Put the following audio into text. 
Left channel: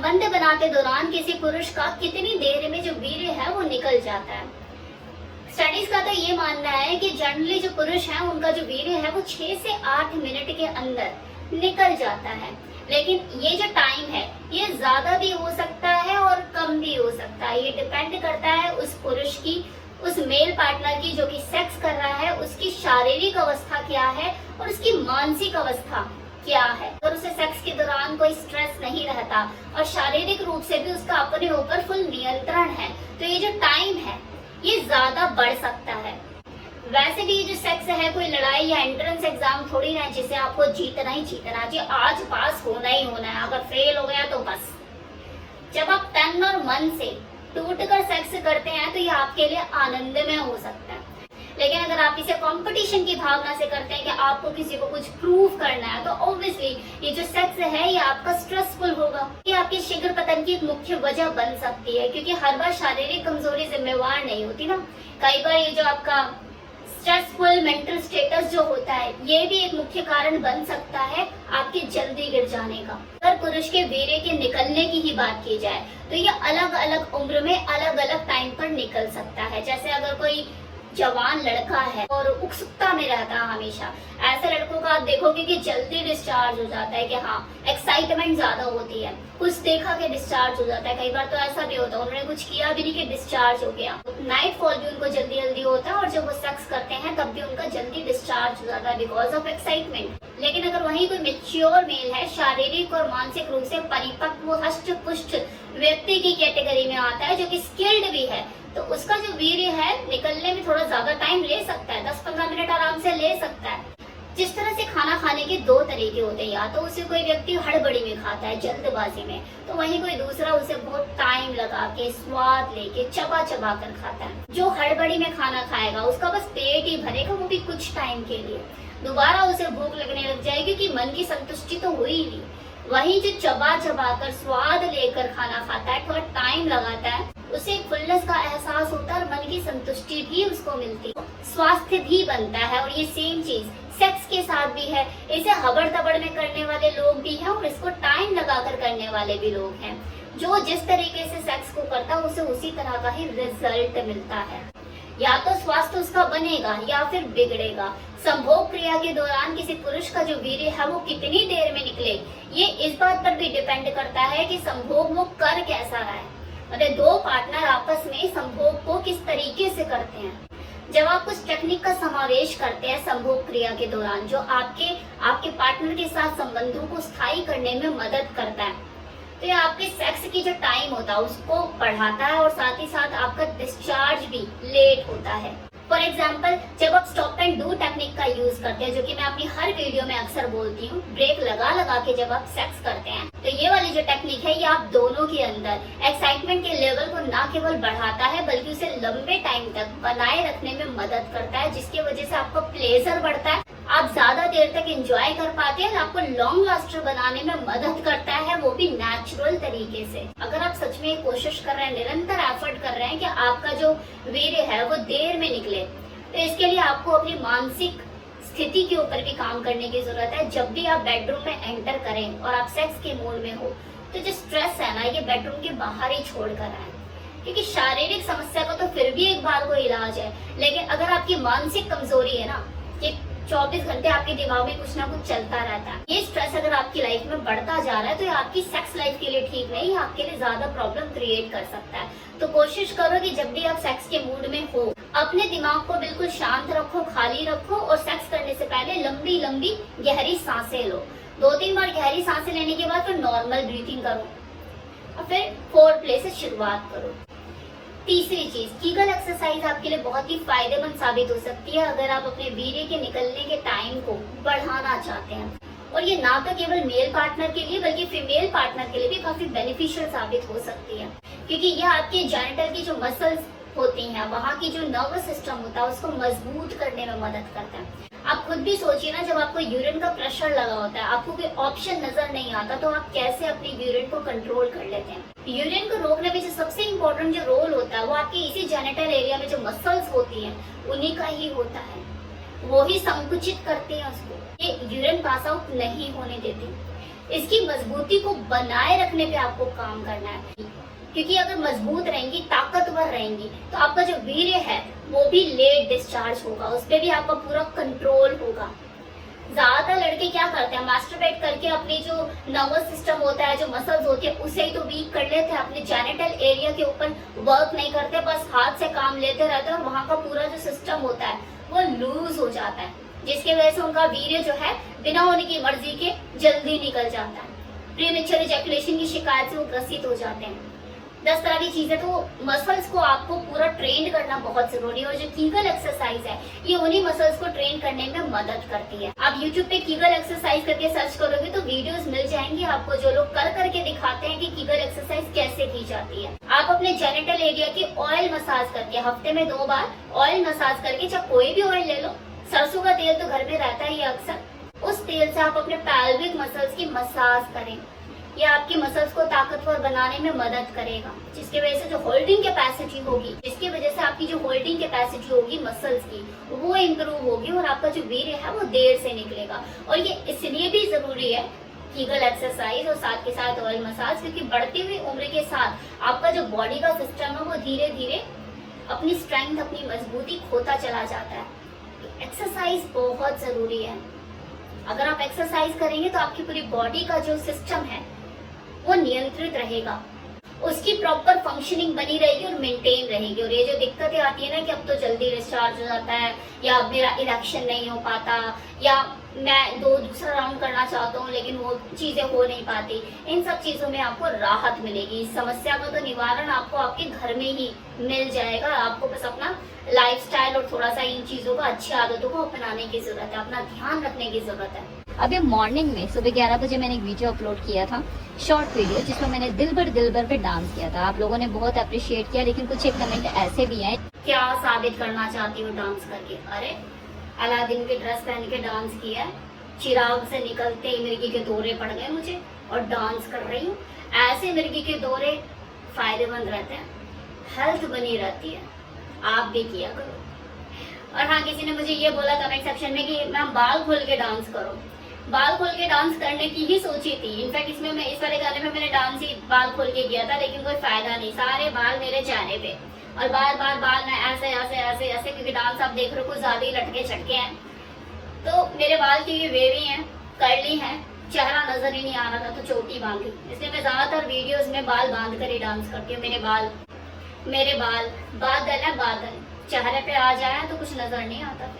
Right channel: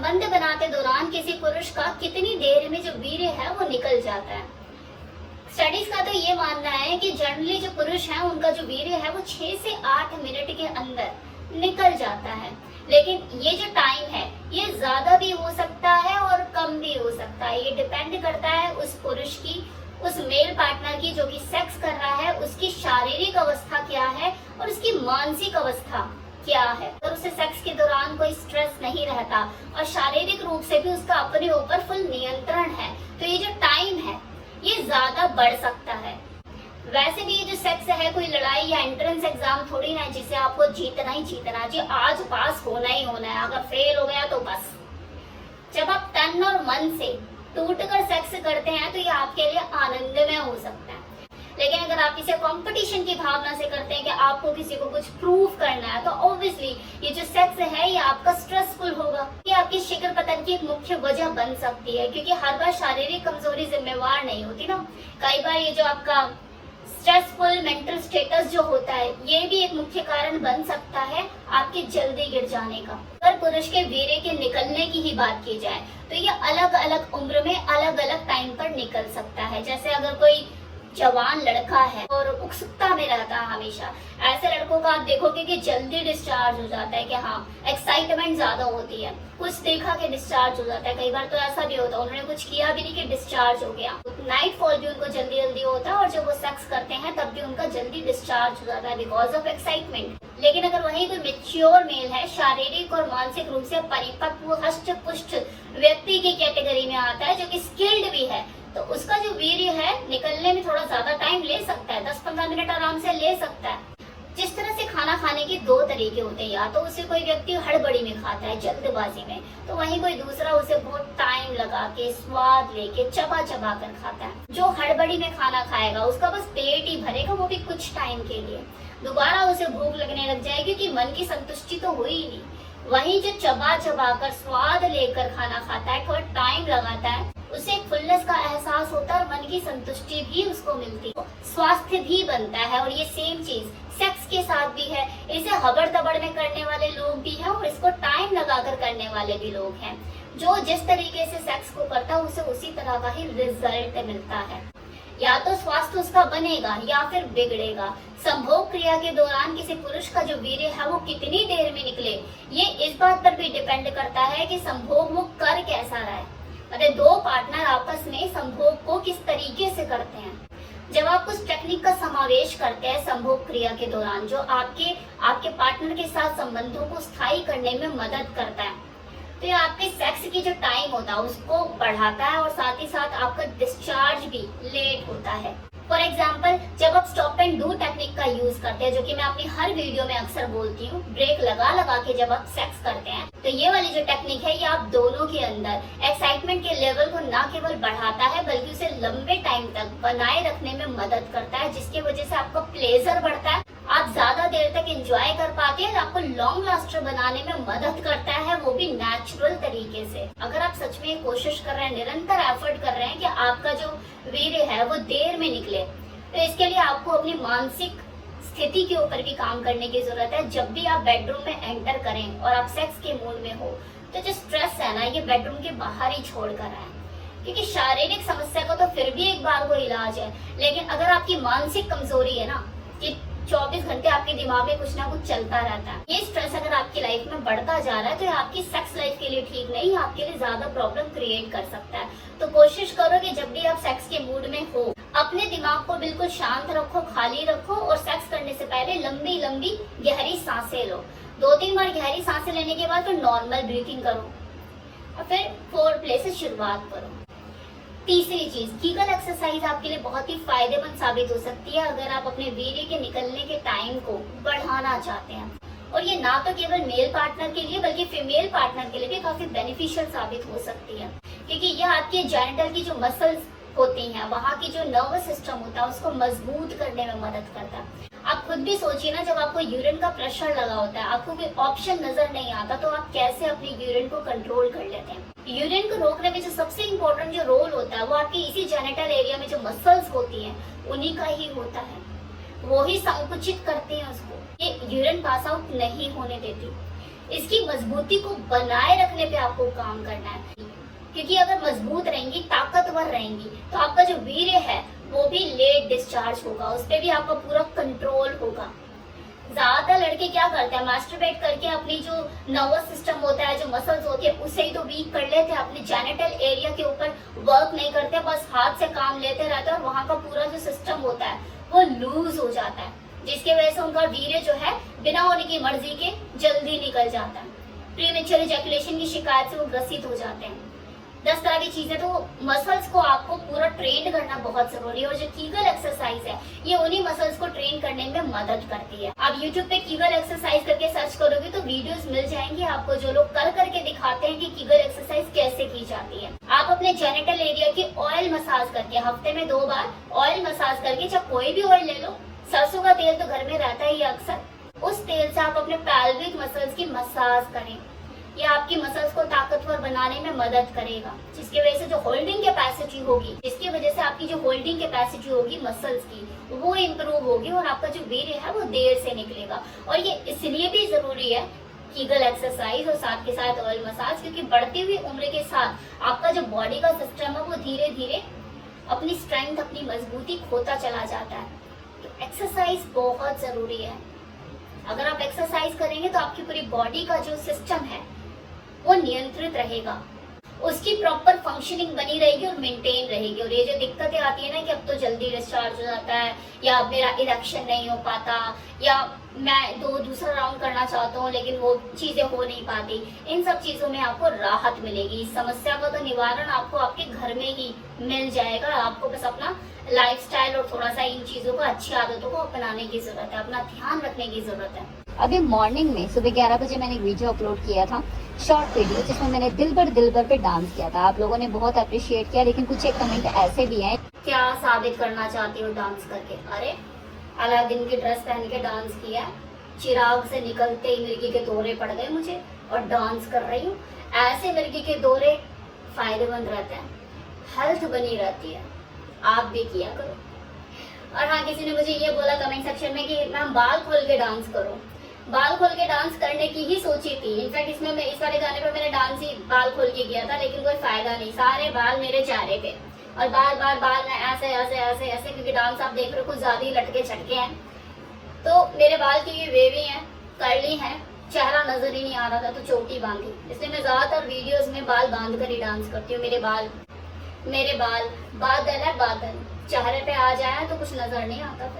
संबंध बनाते दौरान किसी पुरुष का कितनी देर में जो वीर्य है वो निकल जाता है। स्टडीज का तो ये मानना है कि जनरली जो पुरुष हैं उनका जो वीर्य है वो 6 से 8 मिनट के अंदर निकल जाता है। लेकिन ये जो टाइम है ये ज्यादा भी हो सकता है और कम भी हो सकता है। ये डिपेंड करता है उस पुरुष की, उस मेल पार्टनर की जो कि सेक्स कर रहा है, उसकी शारीरिक अवस्था क्या है और उसकी मानसिक अवस्था क्या है। अगर उसे सेक्स के दौरान कोई स्ट्रेस नहीं रहता और शारीरिक रूप से भी उसका अपने ऊपर फुल नियंत्रण है तो ये जो टाइम है ये ज्यादा बढ़ सकता है। वैसे भी ये जो सेक्स है कोई लड़ाई या एंट्रेंस एग्जाम थोड़ी ना है जिसे आपको जीतना ही जीतना, जी आज पास होना ही होना है, अगर फेल हो गया तो बस। जब आप तन और मन से टूट कर सेक्स करते हैं तो ये आपके लिए आनंदमय हो सकता है। लेकिन अगर आप इसे कंपटीशन की भावना से करते हैं कि आपको किसी को कुछ प्रूव करना है तो ऑब्वियसली ये जो सेक्स है ये आपका स्ट्रेसफुल होगा। ये आपकी शीघ्र पतन की एक मुख्य वजह बन सकती है, क्योंकि हर बार शारीरिक कमजोरी जिम्मेवार नहीं होती ना। कई बार ये जो आपका स्ट्रेसफुल मेंटल स्टेटस जो होता है ये भी एक मुख्य कारण बन सकता है आपके जल्दी गिर जाने का। अगर पुरुष के वीर्य के निकलने की ही बात की जाए तो ये अलग अलग उम्र में अलग अलग टाइम पर निकल सकता है। जैसे अगर कोई जवान लड़का है और उत्सुकता में रहता है हमेशा, ऐसे लड़कों का आप देखोगे कि जल्दी डिस्चार्ज हो जाता है, कि हाँ एक्साइटमेंट ज्यादा होती है, कुछ देखा कि डिस्चार्ज हो जाता है। कई बार तो ऐसा भी होता है उन्होंने कुछ किया भी नहीं कि डिस्चार्ज हो गया। नाइट फॉल भी उनको जल्दी जल्दी होता है और जब वो सेक्स करते हैं तब भी उनका जल्दी डिस्चार्ज हो जाता है बिकॉज ऑफ एक्साइटमेंट। लेकिन अगर वही कोई मेच्योर मेल है, शारीरिक और मानसिक रूप से परिपक्व हष्ट पुष्ट व्यक्ति की कैटेगरी में आता है जो कि स्किल्ड भी है, तो उसका जो वीर्य है निकलने में थोड़ा ज्यादा टाइम ले सकता है, 10-15 मिनट आराम से ले सकता है। जिस तरह से खाना खाने के दो तरीके होते हैं, या तो उसे कोई व्यक्ति हड़बड़ी में खाता है जल्दबाजी में, तो वहीं कोई दूसरा उसे बहुत टाइम लगा के स्वाद लेके चबा चबा कर खाता है। जो हड़बड़ी में खाना खाएगा उसका बस पेट ही भरेगा, वो भी कुछ टाइम के लिए, दोबारा उसे भूख लगने लग जाएगी क्योंकि मन की संतुष्टि तो हुई ही नहीं। वहीं जो चबा चबा कर स्वाद लेकर खाना खाता है, थोड़ा टाइम लगाता है, उसे एक फुलनेस का एहसास होता है और मन की संतुष्टि भी उसको मिलती है, स्वास्थ्य भी बनता है। और ये सेम चीज सेक्स के साथ भी है। इसे हबड़ तबड़ में करने वाले लोग भी हैं और इसको टाइम लगाकर करने वाले भी लोग हैं। जो जिस तरीके से सेक्स को करता है उसे उसी तरह का ही रिजल्ट मिलता है। या तो स्वास्थ्य उसका बनेगा या फिर बिगड़ेगा। संभोग क्रिया के दौरान किसी पुरुष का जो वीर्य है वो कितनी देर में निकले, ये इस बात पर भी डिपेंड करता है कि संभोग वो कर कैसा रहा है। मतलब दो पार्टनर आपस में संभोग को किस तरीके से करते हैं। जब आप कुछ टेक्निक का समावेश करते हैं संभोग क्रिया के दौरान जो आपके पार्टनर के साथ संबंधों को स्थायी करने में मदद करता है, तो ये आपके सेक्स की जो टाइम होता है उसको बढ़ाता है और साथ ही साथ आपका डिस्चार्ज भी लेट होता है। फॉर एग्जाम्पल, जब आप स्टॉप एंड डू टेक्निक का यूज करते हैं, जो कि मैं अपनी हर वीडियो में अक्सर बोलती हूँ, ब्रेक लगा लगा के जब आप सेक्स करते हैं, तो ये वाली जो टेक्निक है ये आप दोनों के अंदर एक्साइटमेंट के लेवल को ना केवल बढ़ाता है बल्कि उसे लंबे टाइम तक बनाए रखने में मदद करता है, जिसकी वजह से आपका प्लेजर बढ़ता है, आप ज्यादा देर तक एंजॉय कर पाते हैं, आपको लॉन्ग लास्टर बनाने में मदद करता है, वो भी नेचुरल तरीके से। अगर आप सच में कोशिश कर रहे हैं, निरंतर एफर्ट कर रहे हैं कि आपका जो वीर्य है वो देर में निकले, तो इसके लिए आपको अपनी मानसिक स्थिति के ऊपर भी काम करने की जरूरत है। जब भी आप बेडरूम में एंटर करें और आप सेक्स के मूड में हो तो जो स्ट्रेस है ना ये बेडरूम के बाहर ही छोड़ कर आए, क्योंकि शारीरिक समस्या का तो फिर भी एक बार को इलाज है, लेकिन अगर आपकी मानसिक कमजोरी है ना कि 24 घंटे आपके दिमाग में कुछ ना कुछ चलता रहता है, ये स्ट्रेस अगर आपकी लाइफ में बढ़ता जा रहा है तो ये आपकी सेक्स लाइफ के लिए ठीक नहीं, आपके लिए ज्यादा प्रॉब्लम क्रिएट कर सकता है। तो कोशिश करो कि जब भी आप सेक्स के मूड में हो अपने दिमाग को बिल्कुल शांत रखो, खाली रखो और सेक्स करने से पहले लंबी लंबी गहरी सांसें लो। 2-3 बार गहरी सांसें लेने के बाद फिर नॉर्मल ब्रीथिंग करो और फिर फोरप्ले से शुरुआत करो। तीसरी चीज, कीगल एक्सरसाइज आपके लिए बहुत ही फायदेमंद साबित हो सकती है अगर आप अपने वीर्य के निकलने के टाइम को बढ़ाना चाहते हैं। और ये ना तो केवल मेल पार्टनर के लिए बल्कि फीमेल पार्टनर के लिए भी काफी बेनिफिशियल साबित हो सकती है, क्योंकि यह आपके जेनिटल की जो मसल्स होती हैं, वहाँ की जो नर्वस सिस्टम होता है उसको मजबूत करने में मदद करता है। आप खुद भी सोचिए ना, जब आपको यूरिन का प्रेशर लगा होता है, आपको कोई ऑप्शन नजर नहीं आता, तो आप कैसे अपने यूरिन को कंट्रोल कर लेते हैं। यूरिन को रोकने में जो सबसे इम्पोर्टेंट जो रोल होता है वो आपकी इसी जेनिटल एरिया में जो मसल्स होती हैं उन्हीं का ही होता है, वो ही संकुचित करती है उसको, ये यूरिन पास आउट नहीं होने देती। इसकी मजबूती को बनाए रखने पे आपको काम करना है, क्योंकि अगर मजबूत रहेंगी, ताकतवर रहेंगी, तो आपका जो वीर्य है वो भी लेट डिस्चार्ज होगा, उस पर भी आपका पूरा कंट्रोल होगा। ज्यादातर लड़के क्या करते हैं, मास्टरबेट करके अपनी जो नर्वस सिस्टम होता है, जो मसल्स होते हैं, उसे ही तो वीक कर लेते हैं, अपने जेनिटल एरिया के ऊपर वर्क नहीं करते, बस हाथ से काम लेते रहते हैं और वहां का पूरा जो सिस्टम होता है वो लूज हो जाता है, जिसकी वजह से उनका वीर्य जो है बिना उनकी मर्जी के जल्दी निकल जाता है। प्रीमेच्योर इजैकुलेशन की शिकायत से वो ग्रसित हो जाते हैं। 10 तरह की चीजें, तो मसल्स को आपको पूरा ट्रेन करना बहुत जरूरी है। और जो कीगल एक्सरसाइज है ये उन्हीं मसल्स को ट्रेन करने में मदद करती है। आप YouTube पे कीगल एक्सरसाइज करके सर्च करोगे तो वीडियोस मिल जाएंगे आपको, जो लोग कर करके दिखाते हैं कि कीगल एक्सरसाइज कैसे की जाती है। आप अपने जेनिटल एरिया की ऑयल मसाज करके, हफ्ते में 2 बार ऑयल मसाज करके, चाहे कोई भी ऑयल ले लो, सरसों का तेल तो घर में रहता ही है अक्सर, उस तेल से आप अपने पैल्विक मसल्स की मसाज करें। ये आपकी मसल्स को ताकतवर बनाने में मदद करेगा, जिसकी वजह से जो होल्डिंग कैपेसिटी होगी, जिसकी वजह से आपकी जो होल्डिंग कैपेसिटी होगी मसल्स की, वो इम्प्रूव होगी और आपका जो वीर्य है वो देर से निकलेगा। और ये इसलिए भी जरूरी है कीगल एक्सरसाइज और साथ के साथ ऑयल मसाज, क्योंकि बढ़ती हुई उम्र के साथ आपका जो बॉडी का सिस्टम है वो धीरे धीरे अपनी स्ट्रेंथ, अपनी मजबूती खोता चला जाता है। एक्सरसाइज बहुत जरूरी है। अगर आप एक्सरसाइज करेंगे तो आपकी पूरी बॉडी का जो सिस्टम है वो नियंत्रित रहेगा, उसकी प्रॉपर फंक्शनिंग बनी रहेगी और मेंटेन रहेगी। और ये जो दिक्कतें आती है ना कि अब तो जल्दी डिस्चार्ज हो जाता है, या मेरा इरेक्शन नहीं हो पाता, या मैं दूसरा राउंड करना चाहता हूँ लेकिन वो चीजें हो नहीं पाती, इन सब चीजों में आपको राहत मिलेगी। इस समस्या का तो निवारण आपको आपके घर में ही मिल जाएगा। आपको बस अपना लाइफस्टाइल और थोड़ा सा इन चीजों को, अच्छी आदतों को अपनाने की जरूरत है, अपना ध्यान रखने की जरूरत है। अभी मॉर्निंग में सुबह 11 बजे मैंने एक वीडियो अपलोड किया था, शॉर्ट वीडियो, जिसमें मैंने दिल भर पे डांस किया था। आप लोगों ने बहुत अप्रिशिएट किया, लेकिन कुछ एक कमेंट ऐसे भी आए, क्या साबित करना चाहती हो डांस करके? अरे अलादीन की ड्रेस पहन के डांस किया है, चिराग से निकलते ही मिर्गी के दौरे पड़ गए मुझे और डांस कर रही हूँ। ऐसे मिर्गी के दौरे फायदेमंद रहते हैं, हेल्थ बनी रहती है, आप भी किया करो। और हाँ, किसी ने मुझे ये बोला कमेंट सेक्शन में कि मैम बाल खोल के डांस करो। बाल खोल के डांस करने की ही सोची थी, इनफैक्ट इसमें मैं इस वाले गाने पे मैंने डांस ही बाल खोल के किया था, लेकिन कोई फायदा नहीं, सारे बाल मेरे चेहरे पे और बार बार बाल मैं ऐसे ऐसे ऐसे ऐसे, क्योंकि डांस आप देख रहे हो कुछ ज्यादा ही लटके छटके हैं, तो मेरे बाल की वेवी हैं, कर्ली हैं, चेहरा नजर ही नहीं आ रहा था तो चोटी बांधी, इसलिए मैं ज्यादातर वीडियोस में बाल बांध कर ही डांस करती हूँ। मेरे बाल बादल है बादल, चेहरे पे आ जाए तो कुछ नजर नहीं आता।